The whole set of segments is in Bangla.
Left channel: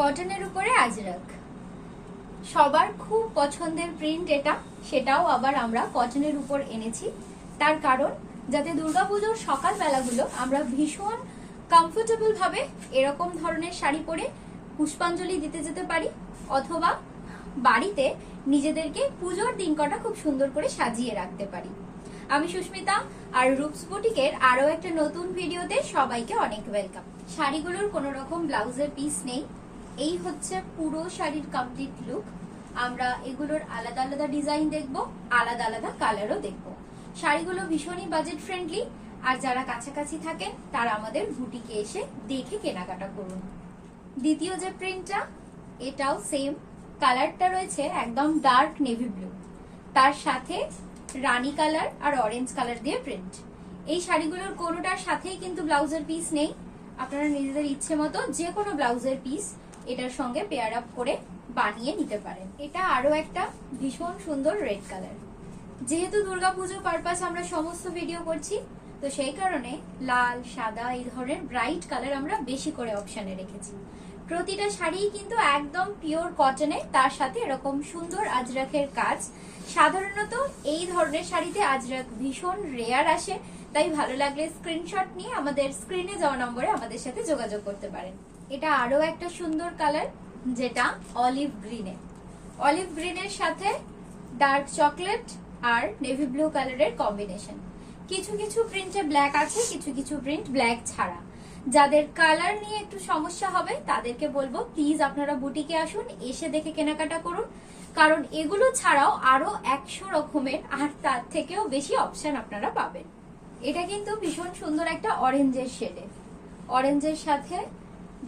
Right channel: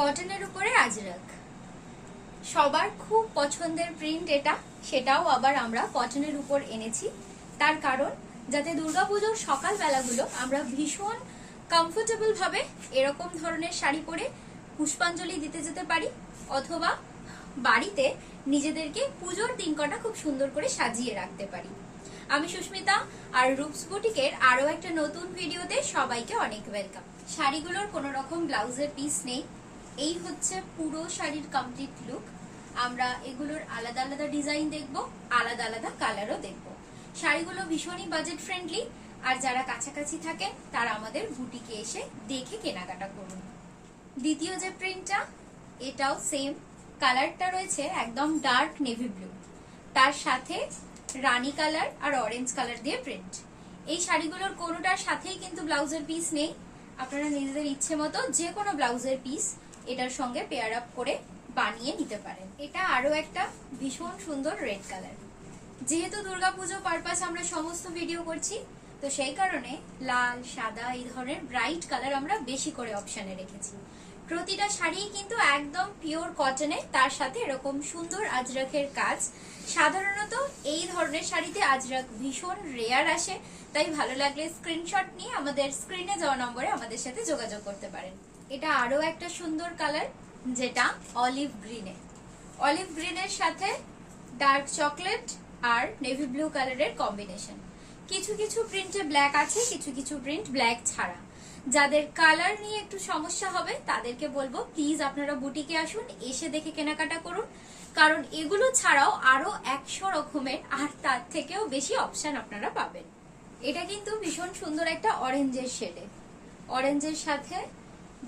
কটনের উপরে আজরাক সবার খুব পছন্দের প্রিন্ট এটা, সেটাও আবার আমরা কটনের উপর এনেছি। তার কারণ যাতে দুর্গাপুজোর সকাল বেলাগুলো আমরা ভীষণ কমফোর্টেবল ভাবে এরকম ধরনের শাড়ি পরে পুষ্পাঞ্জলি দিতে যেতে পারি, অথবা বাড়িতে নিজেদেরকে পুজোর দিন কটা খুব সুন্দর করে সাজিয়ে রাখতে পারি। আমি সুস্মিতা, আর রূপস বুটিকের আরো একটা নতুন ভিডিওতে সবাইকে অনেক ওয়েলকাম। শাড়িগুলোর কোনো রকম ব্লাউজের পিস নেই, এই হচ্ছে পুরো শাড়ির কমপ্লিট লুক। আমরা এগুলোর আলাদা আলাদা ডিজাইন দেখব, আলাদা আলাদা কালারও দেখব। শাড়িগুলো ভীষণই বাজেট ফ্রেন্ডলি, আর যারা কাছাকাছি থাকেন তারা আমাদের বুটিকে এসে দেখে কেনাকাটা করুন। দ্বিতীয় যে প্রিন্টটা, এটাও সেম কালারটা রয়েছে একদম ডার্ক নেভি ব্লু, তার সাথে রানী কালার আর অরেঞ্জ কালার দিয়ে প্রিন্ট। এই শাড়িগুলোর কোনোটার সাথেই কিন্তু ব্লাউজের পিস নেই, আপনারা নিজেদের ইচ্ছে মতো যে কোনো ব্লাউজের পিস এটার সঙ্গে পেয়ার আপ করে বানিয়ে নিতে পারেন। এটা আরো একটা ভীষণ সুন্দর রেড কালার। যেহেতু দুর্গাপুজো পারপাস আমরা সমস্ত ভিডিও করছি, তো সেই কারণে লাল, সাদা এই ধরনের ব্রাইট কালার আমরা বেশি করে অপশনে রেখেছি। প্রতিটা শাড়ি কিন্তু একদম পিওর কটনে, তার সাথে এরকম সুন্দর আজরাকের কাজ। সাধারণত এই ধরনের শাড়িতে আজরাক ভীষণ রেয়ার আসে, তাই ভালো লাগলে স্ক্রিনশট নিয়ে আমাদের স্ক্রিনে যাওয়া নম্বরে আমাদের সাথে যোগাযোগ করতে পারেন। এটা আরো একটা সুন্দর কালার, যেটা অলিভ গ্রিনে। অলিভ গ্রিনের সাথে ডার্ক চকলেট আর নেভি ব্লু কালারের কম্বিনেশন। কিছু কিছু প্রিন্টে ব্ল্যাক আছে, কিছু কিছু প্রিন্ট ব্ল্যাক ছাড়া। যাদের কালার নিয়ে একটু সমস্যা হবে তাদেরকে বলবো প্লিজ আপনারা বুটিকে আসুন, এসে দেখে কেনাকাটা করুন, কারণ এগুলো ছাড়াও আরো 100 রকমের আর তার থেকেও বেশি অপশন আপনারা পাবেন। এটা কিন্তু ভীষণ সুন্দর একটা অরেঞ্জের শেডে, অরেঞ্জের সাথে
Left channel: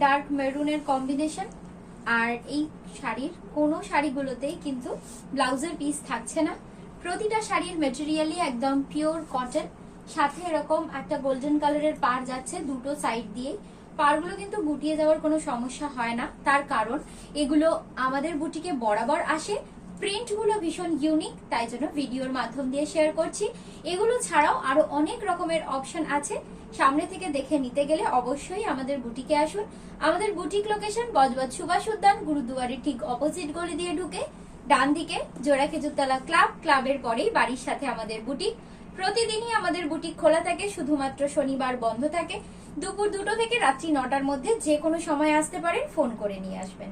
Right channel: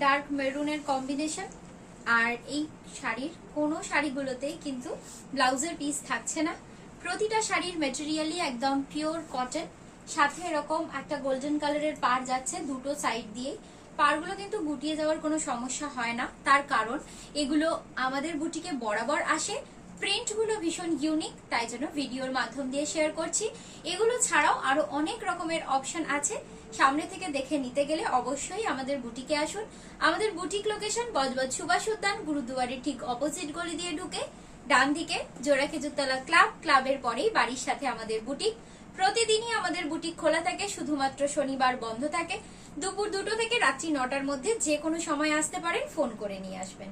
ডার্ক মেরুনের কম্বিনেশন। আর এই শাড়ির কোনো শাড়িগুলোতেই কিন্তু ব্লাউজের পিস থাকছে না, প্রতিটা শাড়ির মেটেরিয়ালই একদম পিওর কটন। সাথে এরকম একটা গোল্ডেন কালারের পাড় যাচ্ছে দুটো সাইড দিয়ে। পাড়গুলো কিন্তু গুটিয়ে যাওয়ার কোনো সমস্যা হয় না, তার কারণ এগুলো আমাদের বুটিকে বরাবর আসে। প্রিন্টগুলো ভীষণ ইউনিক, তাই জন্য ভিডিওর মাধ্যম দিয়ে শেয়ার করছি। এগুলো ছাড়াও আরো অনেক রকমের অপশন আছে, সামনে থেকে দেখে নিতে গেলে অবশ্যই আমাদের বুটিকে আসুন। আমাদের বুটিক লোকেশন বজবজ সুভাষ উদ্যান, গুরুদুয়ারের ঠিক অপোজিট গলি দিয়ে ঢুকে ডান দিকে জোড়া খেজুরতলা ক্লাব, ক্লাবের পরেই বাড়ির সাথে আমাদের বুটিক। প্রতিদিনই আমাদের বুটিক খোলা থাকে, শুধুমাত্র শনিবার বন্ধ থাকে। দুপুর 2টো থেকে রাত্রি 9টার মধ্যে যে কোনো সময় আসতে পারেন, ফোন করে নিয়ে আসবেন।